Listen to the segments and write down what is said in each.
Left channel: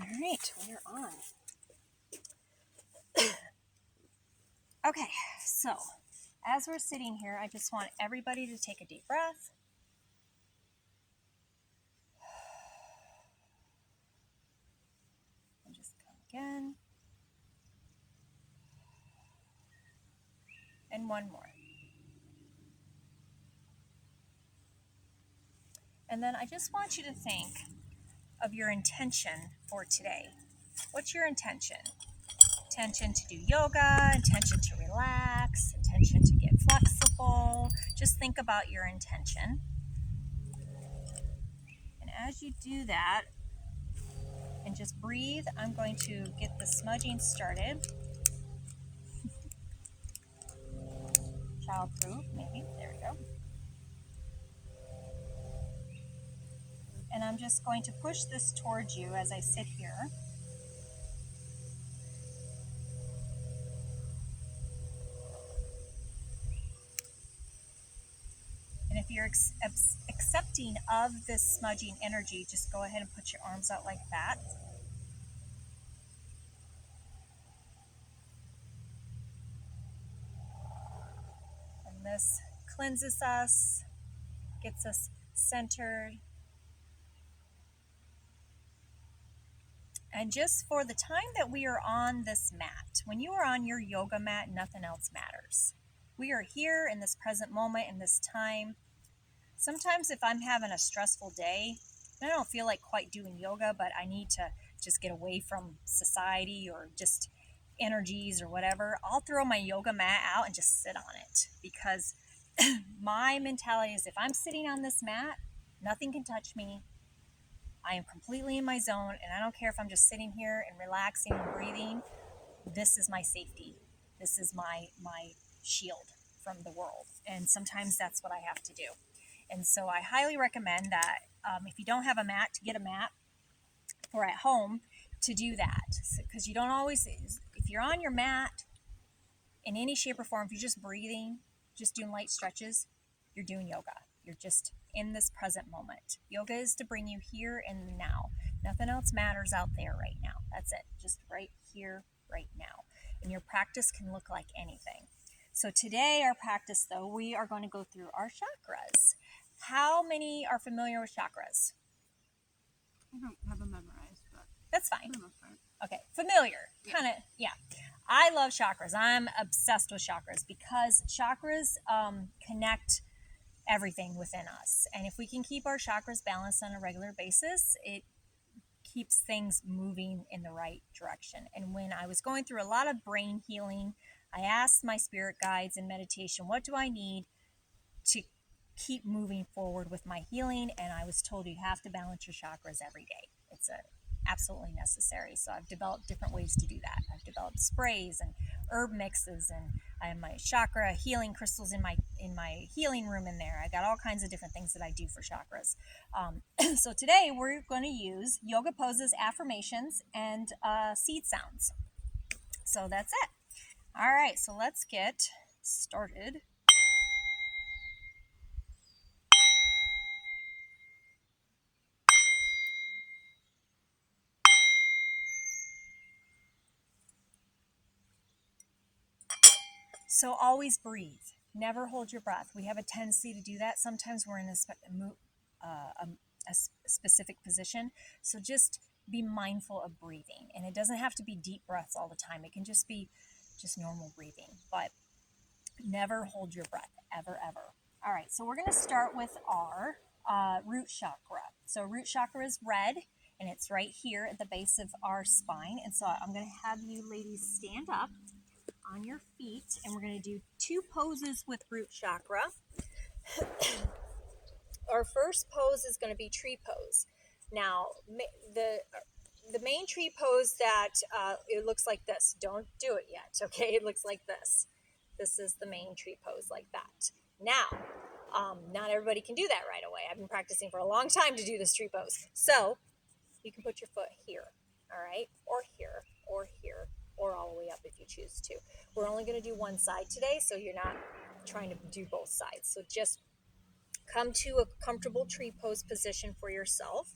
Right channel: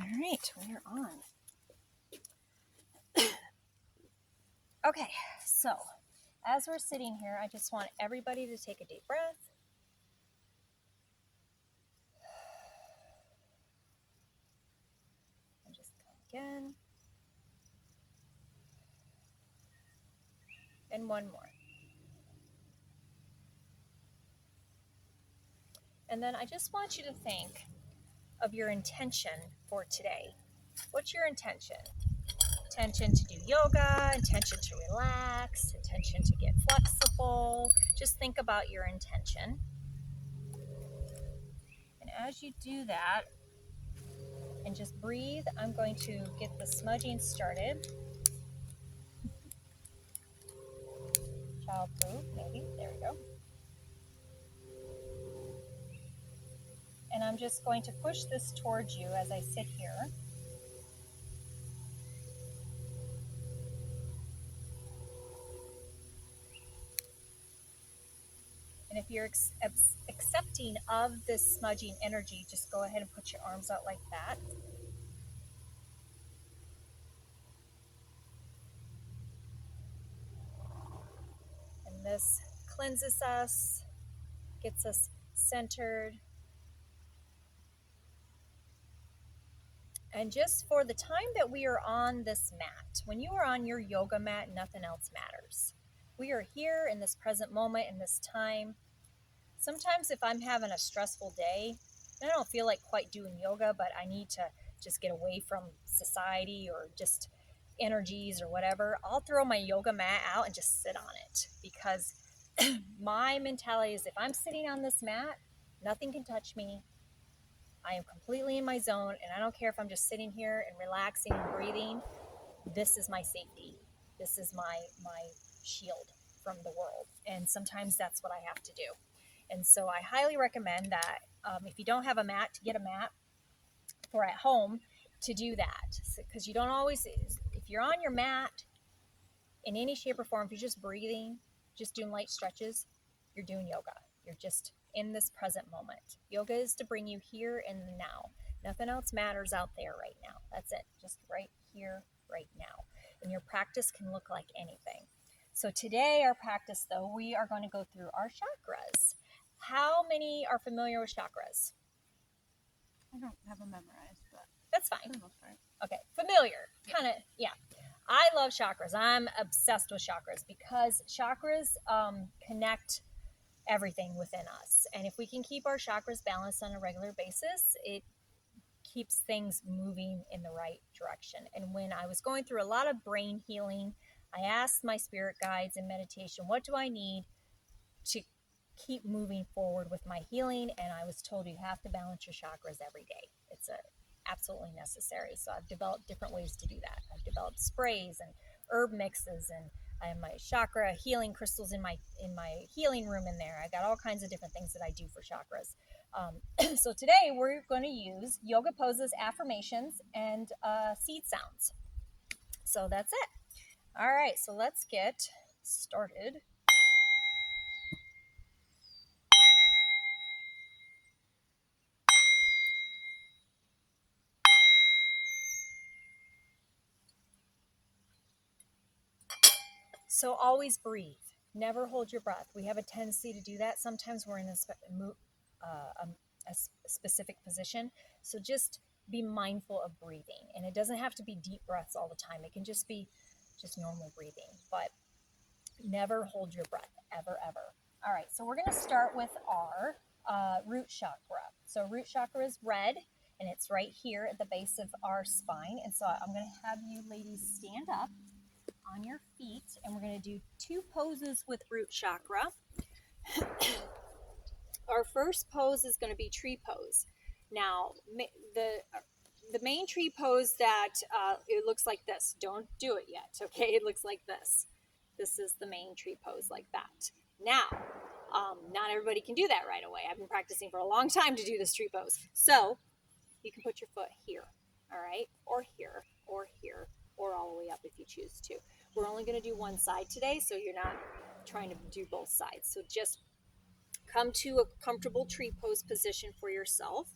All right, we're on. Okay, so as we're sitting here, I just want everybody to take a deep breath. And just come again. And one more. And then I just want you to think of your intention for today. What's your intention? Intention to do yoga, intention to relax, intention to get flexible. Just think about your intention. And as you do that, and just breathe, I'm going to get the smudging started. Childproof, maybe. There we go. And I'm just going to push this towards you as I sit here. And if you're accepting of this smudging energy, just go ahead and put your arms out like that. And this cleanses us, gets us centered. And just for the time that we are on this mat, when you are on your yoga mat, nothing else matters. We are here in this present moment, in this time. Sometimes if I'm having a stressful day, and I don't feel like quite doing yoga, but I need to just get away from society or just energies or whatever, I'll throw my yoga mat out and just sit on it, because my mentality is if I'm sitting on this mat, nothing can touch me. I am completely in my zone, and I don't care if I'm just sitting here and relaxing and breathing. This is my safety. This is my shield from the world. And sometimes that's what I have to do. And so I highly recommend that if you don't have a mat, to get a mat for at home to do that. Because you don't always, if you're on your mat in any shape or form, if you're just breathing, just doing light stretches, you're doing yoga. You're just in this present moment. Yoga is to bring you here and now. Nothing else matters out there right now. That's it. Just right here, right now. And your practice can look like anything. So today, our practice, though, we are going to go through our chakras. How many are familiar with chakras? I don't have them memorized, but that's fine. For the most part. Okay, familiar, kind of, yeah. I love chakras. I'm obsessed with chakras because chakras connect everything within us. And if we can keep our chakras balanced on a regular basis, it keeps things moving in the right direction. And when I was going through a lot of brain healing, I asked my spirit guides in meditation, what do I need to keep moving forward with my healing? And I was told you have to balance your chakras every day. It's absolutely necessary. So I've developed different ways to do that. I've developed sprays and herb mixes, and I have my chakra healing crystals in my healing room in there. I got all kinds of different things that I do for chakras. So today we're going to use yoga poses, affirmations, and seed sounds. So that's it. All right, so let's get started. So always breathe. Never hold your breath. We have a tendency to do that. Sometimes we're in a specific position. So just be mindful of breathing. And it doesn't have to be deep breaths all the time. It can just be just normal breathing. But never hold your breath, ever, ever. All right, so we're going to start with our root chakra. So root chakra is red, and it's right here at the base of our spine. And so I'm going to have you ladies stand up on your feet, and we're going to do 2 poses with root chakra. Our first pose is going to be tree pose. Now, the main tree pose that it looks like this. Don't do it yet, okay? It looks like this. This is the main tree pose, like that. Now, not everybody can do that right away. I've been practicing for a long time to do this tree pose. So you can put your foot here, all right, or here, or here, or all the way up if you choose to. We're only going to do one side today, so you're not trying to do both sides. So just come to a comfortable tree pose position for yourself.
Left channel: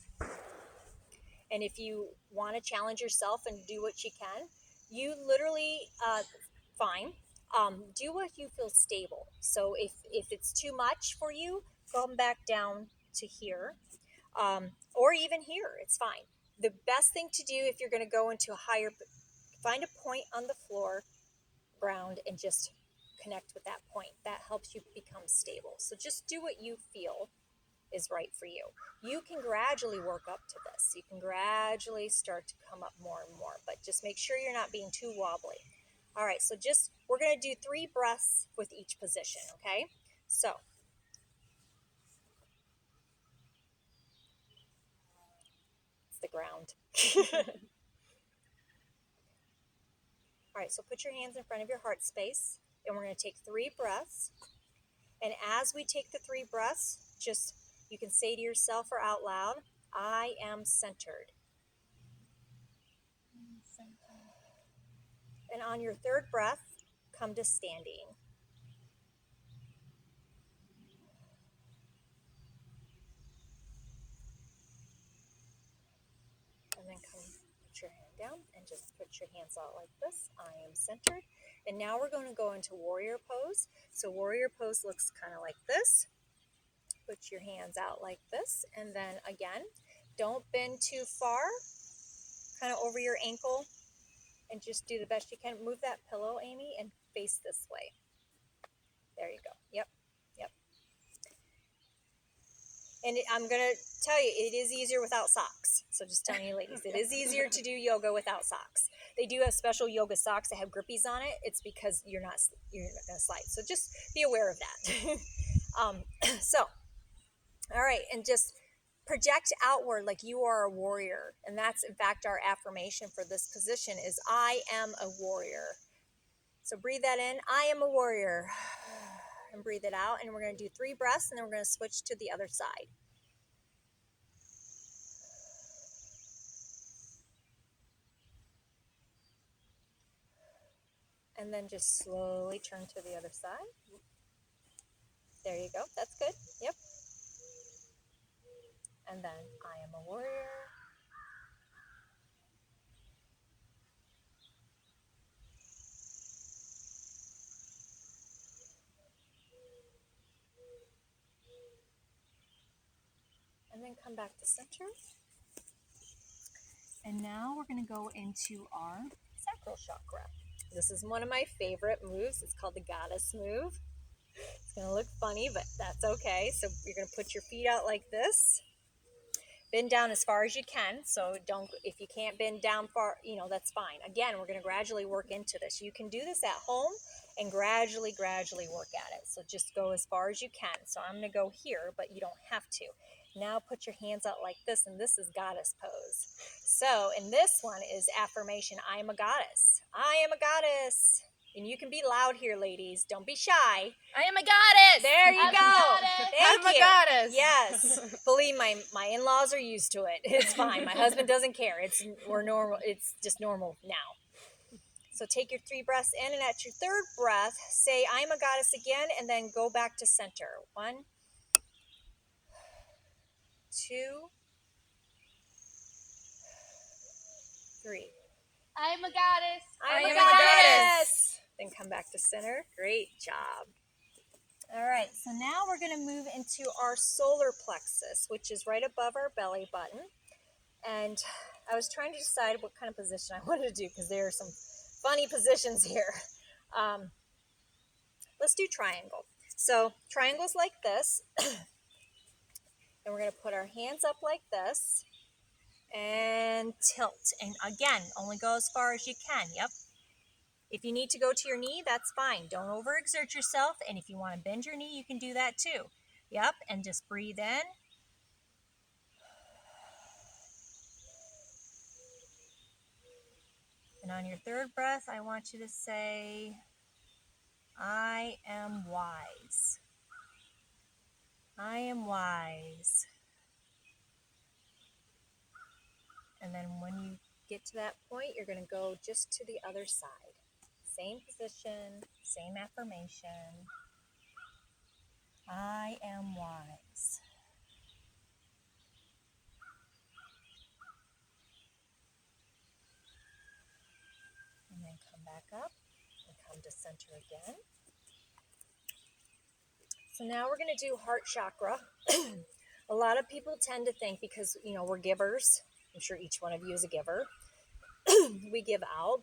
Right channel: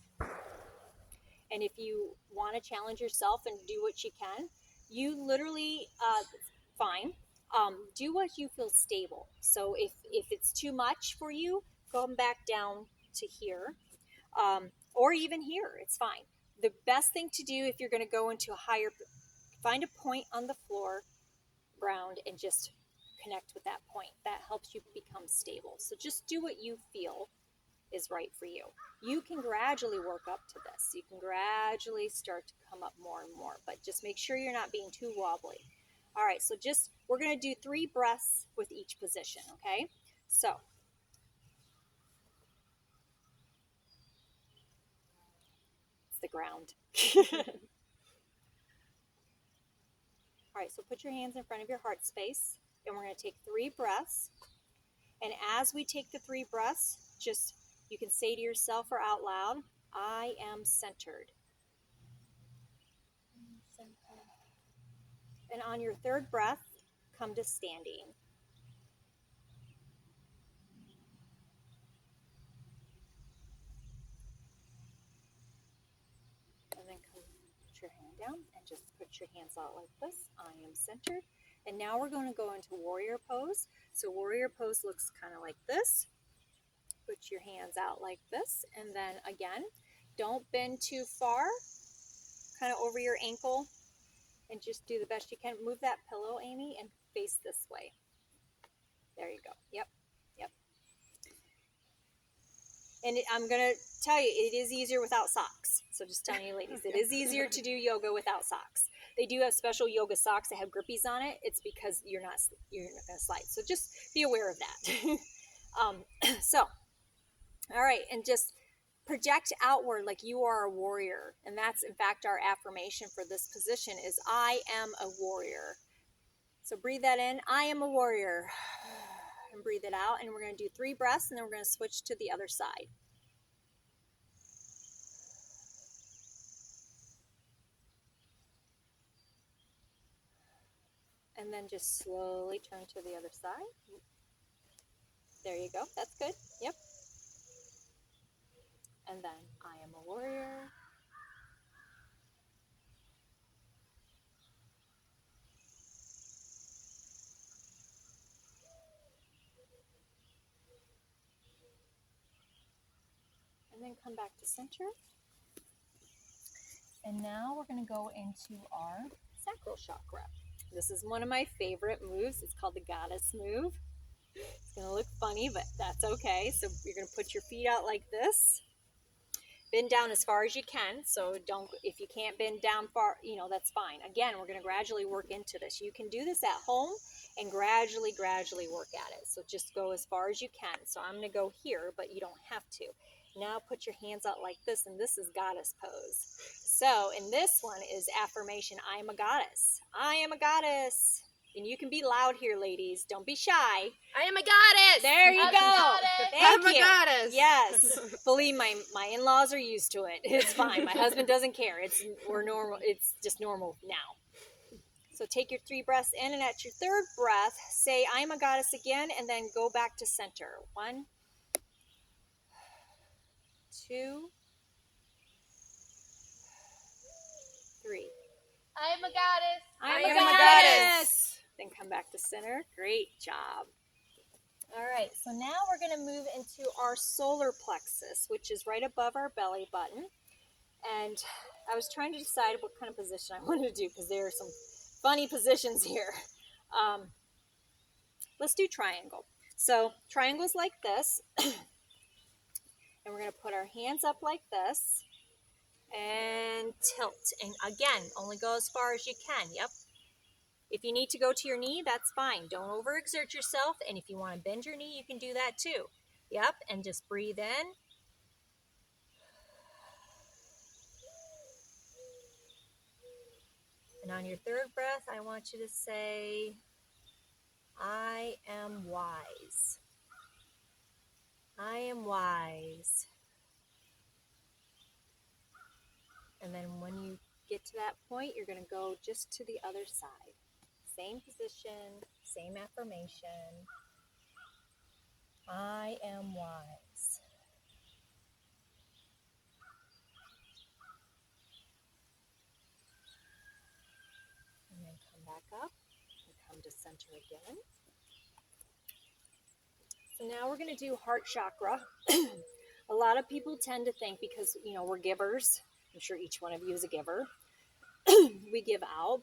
And if you want to challenge yourself and do what you can, you literally, fine, do what you feel stable. So if it's too much for you, come back down to here, or even here, it's fine. The best thing to do if you're going to go into a higher, find a point on the floor, ground, and just connect with that point. That helps you become stable. So just do what you feel is right for you. You can gradually work up to this. You can gradually start to come up more and more, but just make sure you're not being too wobbly. All right, so just, we're going to do 3 breaths with each position, okay? So, it's the ground. All right, so put your hands in front of your heart space, and we're going to take 3 breaths. And as we take the 3 breaths, just, you can say to yourself or out loud, I am centered. And on your 3rd breath, come to standing. And then come, put your hand down and just put your hands out like this. I am centered. And now we're going to go into warrior pose. So warrior pose looks kind of like this. Put your hands out like this. And then again, don't bend too far, kind of over your ankle. And just do the best you can. Move that pillow, Amy, and face this way. There you go. Yep. Yep. And I'm going to tell you, it is easier without socks. So just telling you ladies, it is easier to do yoga without socks. They do have special yoga socks that have grippies on it. It's because you're not going to slide. So just be aware of that. So, all right. And just project outward like you are a warrior. And that's, in fact, our affirmation for this position is I am a warrior. So breathe that in. I am a warrior. And breathe it out. And we're going to do 3 breaths, and then we're going to switch to the other side. And then just slowly turn to the other side. There you go. That's good. Yep. And then I am a warrior. And then come back to center. And now we're going to go into our sacral chakra. This is one of my favorite moves. It's called the goddess move. It's going to look funny, but that's okay. So you're going to put your feet out like this. Bend down as far as you can. So don't, if you can't bend down far, that's fine. Again, we're going to gradually work into this. You can do this at home and gradually work at it. So just go as far as you can. So I'm going to go here, but you don't have to. Now put your hands out like this, and this is goddess pose. So, and this one is affirmation. I am a goddess. I am a goddess. And you can be loud here, ladies. Don't be shy. I am a goddess. There you go. Thank I'm a you. goddess. Yes. Believe my in-laws are used to it. It's fine. My husband doesn't care. We're normal. It's just normal now. So take your 3 breaths in, and at your 3rd breath, say I am a goddess again, and then go back to center. 1, 2, 3. I am a goddess. I am a goddess. Then come back to center. Great job. All right, so now we're going to move into our solar plexus, which is right above our belly button. And I was trying to decide what kind of position I wanted to do because there are some funny positions here. Let's do triangle. So triangle's like this. And we're going to put our hands up like this and tilt. And again, only go as far as you can. Yep. If you need to go to your knee, that's fine. Don't overexert yourself. And if you want to bend your knee, you can do that too. Yep. And just breathe in. And on your 3rd breath, I want you to say, I am wise. I am wise. And then when you get to that point, you're going to go just to the other side. Same position, same affirmation. I am wise. back up and come to center again. So now we're going to do heart chakra. A lot of people tend to think because, we're givers. I'm sure each one of you is a giver. We give out.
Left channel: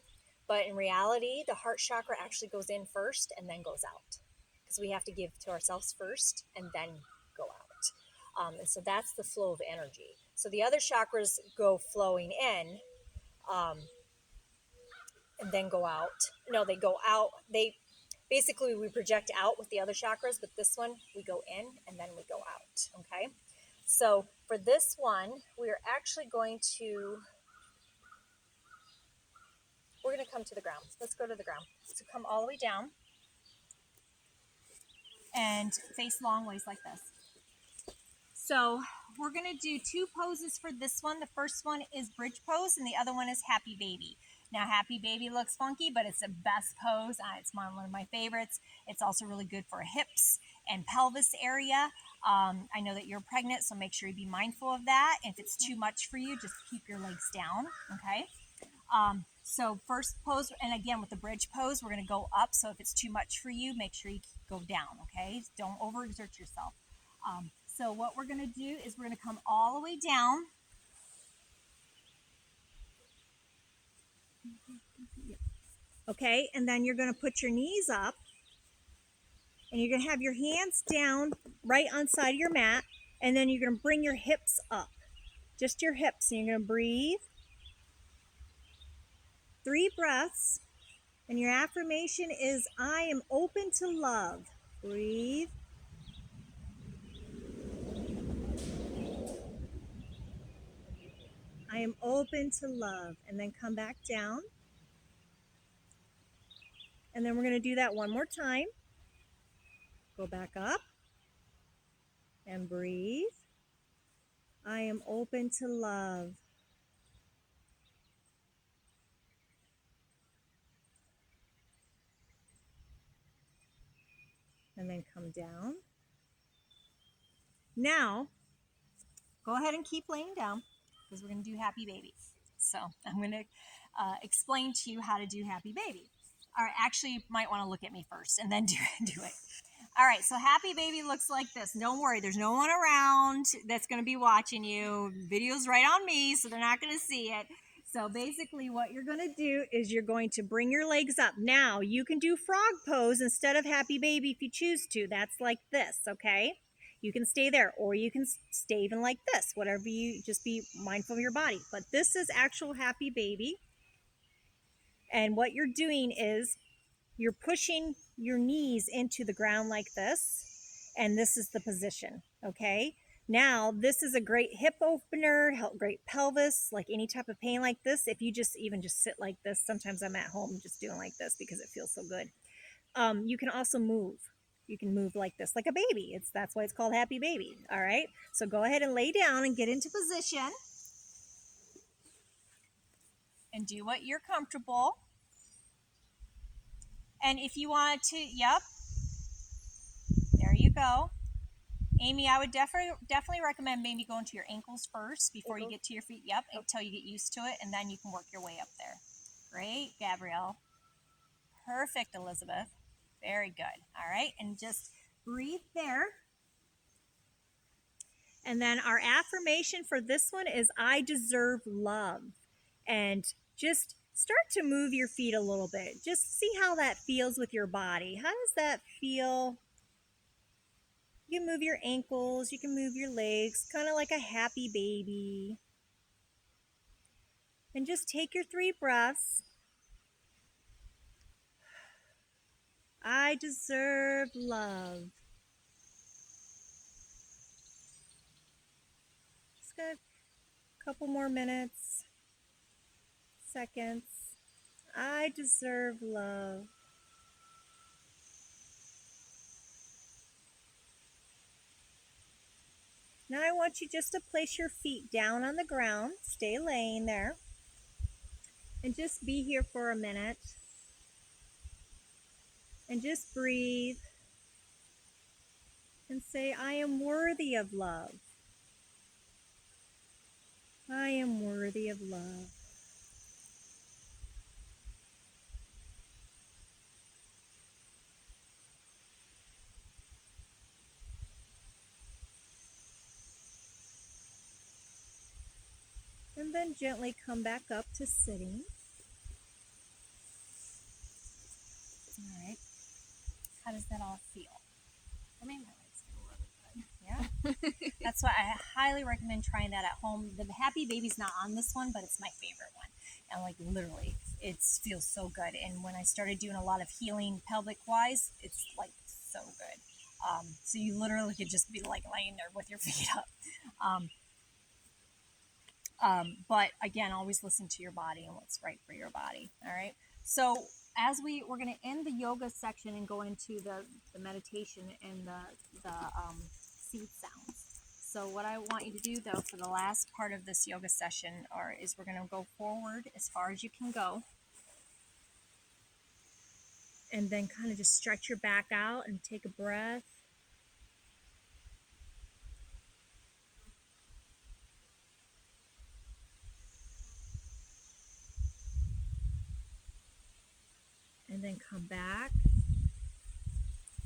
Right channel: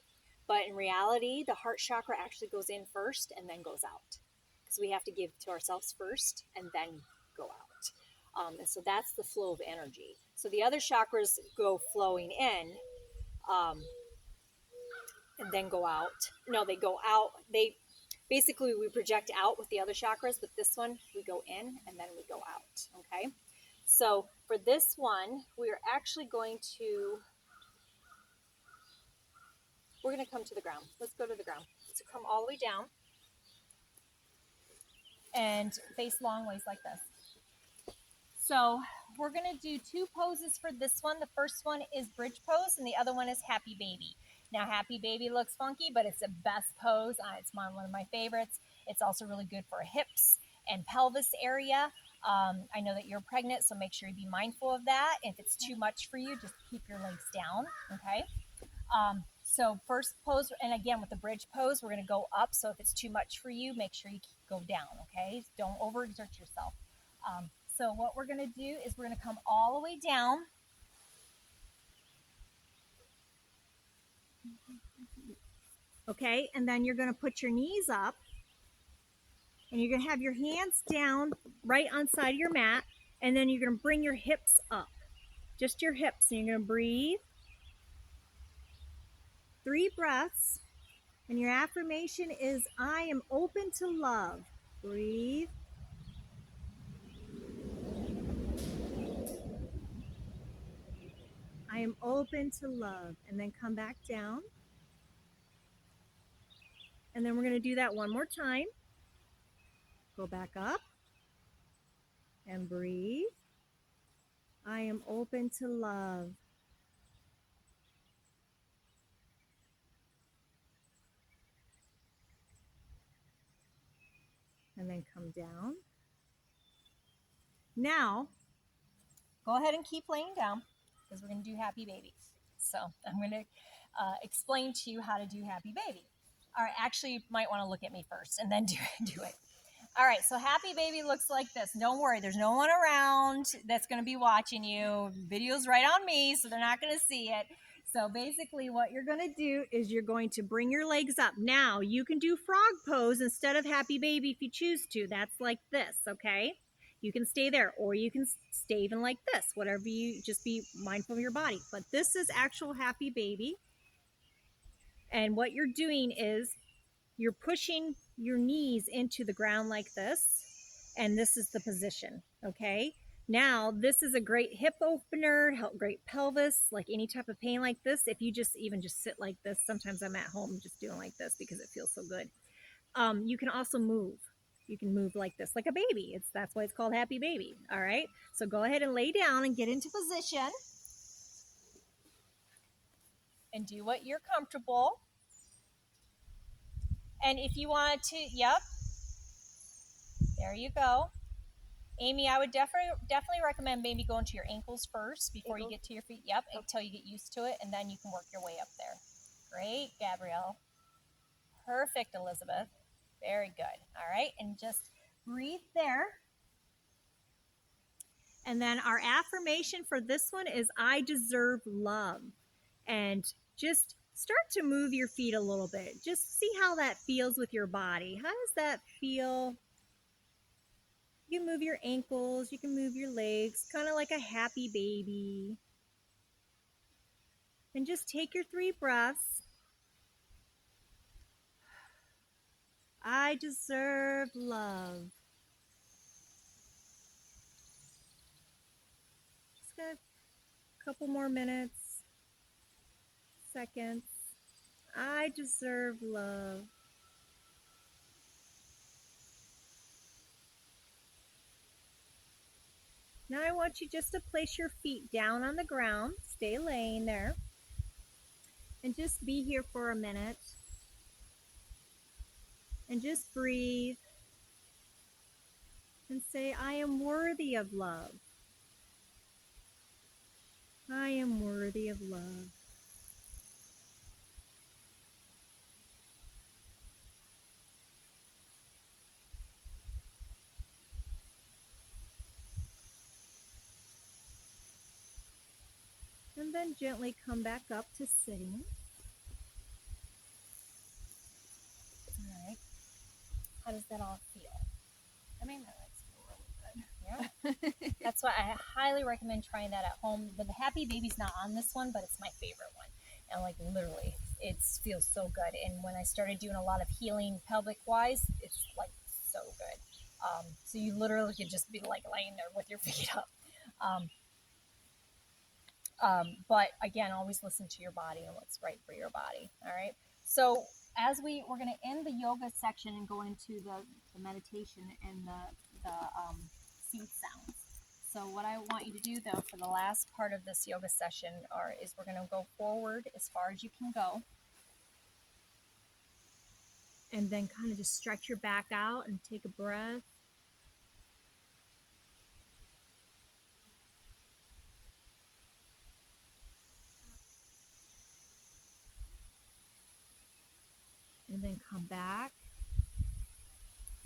But in reality, the heart chakra actually goes in first and then goes out. Because we have to give to ourselves first and then go out. And so that's the flow of energy. So the other chakras go flowing in and then go out. No, they go out. Basically, we project out with the other chakras, but this one, we go in and then we go out, okay? So for this one, we're actually going to come to the ground. Let's go to the ground. So come all the way down and face long ways like this. So we're going to do 2 poses for this one. The first one is bridge pose and the other one is happy baby. Now, happy baby looks funky, but it's the best pose. It's one of my favorites. It's also really good for hips and pelvis area. I know that you're pregnant, so make sure you be mindful of that. If it's too much for you, just keep your legs down, okay? So first pose, and again, with the bridge pose, we're going to go up. So if it's too much for you, make sure you go down, okay? Don't overexert yourself. So what we're going to do is we're going to come all the way down. Okay, and then you're going to put your knees up and you're going to have your hands down right on side of your mat, and then you're going to bring your hips up, just your hips, and you're going to breathe. 3 breaths, and your affirmation is, I am open to love. Breathe. I am open to love, and then come back down. And then we're going to do that one more time. Go back up and breathe. I am open to love. And then come down. Now, go ahead and keep laying down because we're going to do happy baby. So I'm going to explain to you how to do happy baby. All right, actually, you might want to look at me first and then do it. All right, so happy baby looks like this. Don't worry, there's no one around that's going to be watching you. Video's right on me, so they're not going to see it. So basically what you're going to do is you're going to bring your legs up. Now, you can do frog pose instead of happy baby if you choose to. That's like this, okay? You can stay there, or you can stay even like this, whatever you, just be mindful of your body. But this is actual happy baby. And what you're doing is you're pushing your knees into the ground like this, and this is the position, okay? Now, this is a great hip opener, great pelvis, like any type of pain like this. If you just sit like this, sometimes I'm at home just doing like this because it feels so good. You can also move. You can move like this, like a baby. That's why it's called happy baby, all right? So go ahead and lay down and get into position. And do what you're comfortable. And if you wanted to, yep, there you go. Amy, I would definitely recommend maybe going to your ankles first before you get to your feet. Yep, until you get used to it, and then you can work your way up there. Great, Gabrielle. Perfect, Elizabeth. Very good. All right, and just breathe there. And then our affirmation for this one is, I deserve love. And just start to move your feet a little bit. Just see how that feels with your body. How does that feel? You can move your ankles, you can move your legs, kind of like a happy baby. And just take your 3 breaths. I deserve love. Just got a couple more minutes, seconds. I deserve love. Now I want you just to place your feet down on the ground. Stay laying there. And just be here for a minute. And just breathe. And say, I am worthy of love. I am worthy of love. then gently come back up to sitting. All right. How does that all feel? I mean, my legs feel really good. Yeah. That's why I highly recommend trying that at home. The Happy Baby's not on this one, but it's my favorite one. And like literally, it feels so good. And when I started doing a lot of healing pelvic wise, it's like so good. So you literally could just be like laying there with your feet up. But again, always listen to your body and what's right for your body. All right. So as we're going to end the yoga section and go into the meditation and the seed sounds. So what I want you to do though for the last part of this yoga session is we're going to go forward as far as you can go. And then kind of just stretch your back out and take a breath. And then come back.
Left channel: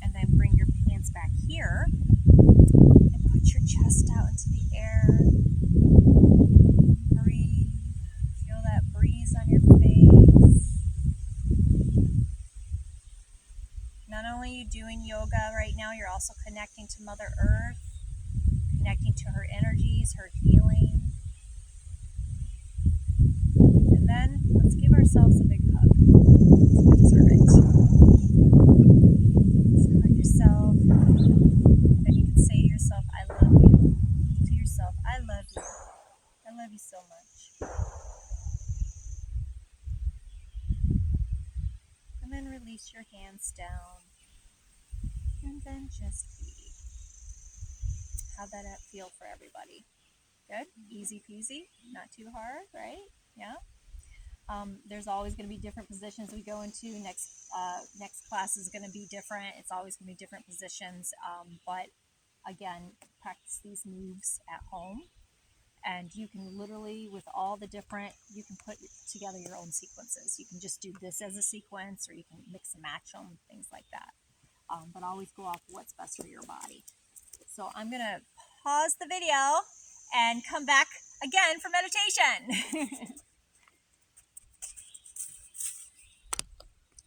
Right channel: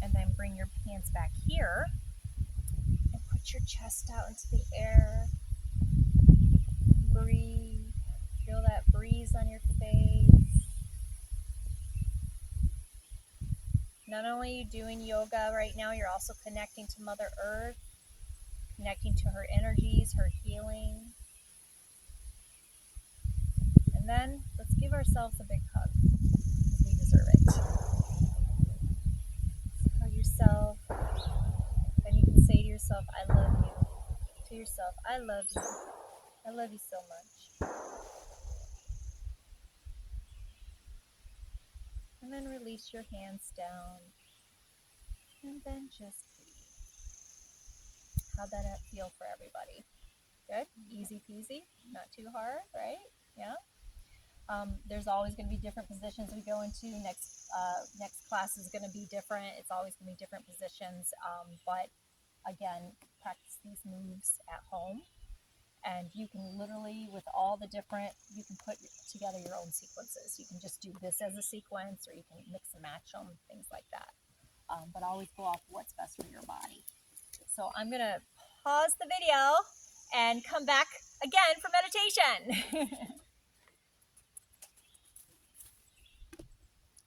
And then bring your hands back here. And put your chest out into the air. Breathe. Feel that breeze on your face. Not only are you doing yoga right now, you're also connecting to Mother Earth, connecting to her energies, her healing. And then let's give ourselves a big hug. We deserve it. So hug yourself. And you can say to yourself, I love you. To yourself, I love you. I love you so much. And then release your hands down. And then just breathe. How'd that feel for everybody? Good? Easy peasy? Not too hard, right? Yeah? There's always going to be different positions we go into. Next class is going to be different. It's always going to be different positions. But again, practice these moves at home. And you can literally, with all the different, you can put together your own sequences. You can just do this as a sequence, or you can mix and match them, things like that. But always go off what's best for your body. So I'm going to pause the video and come back again for meditation.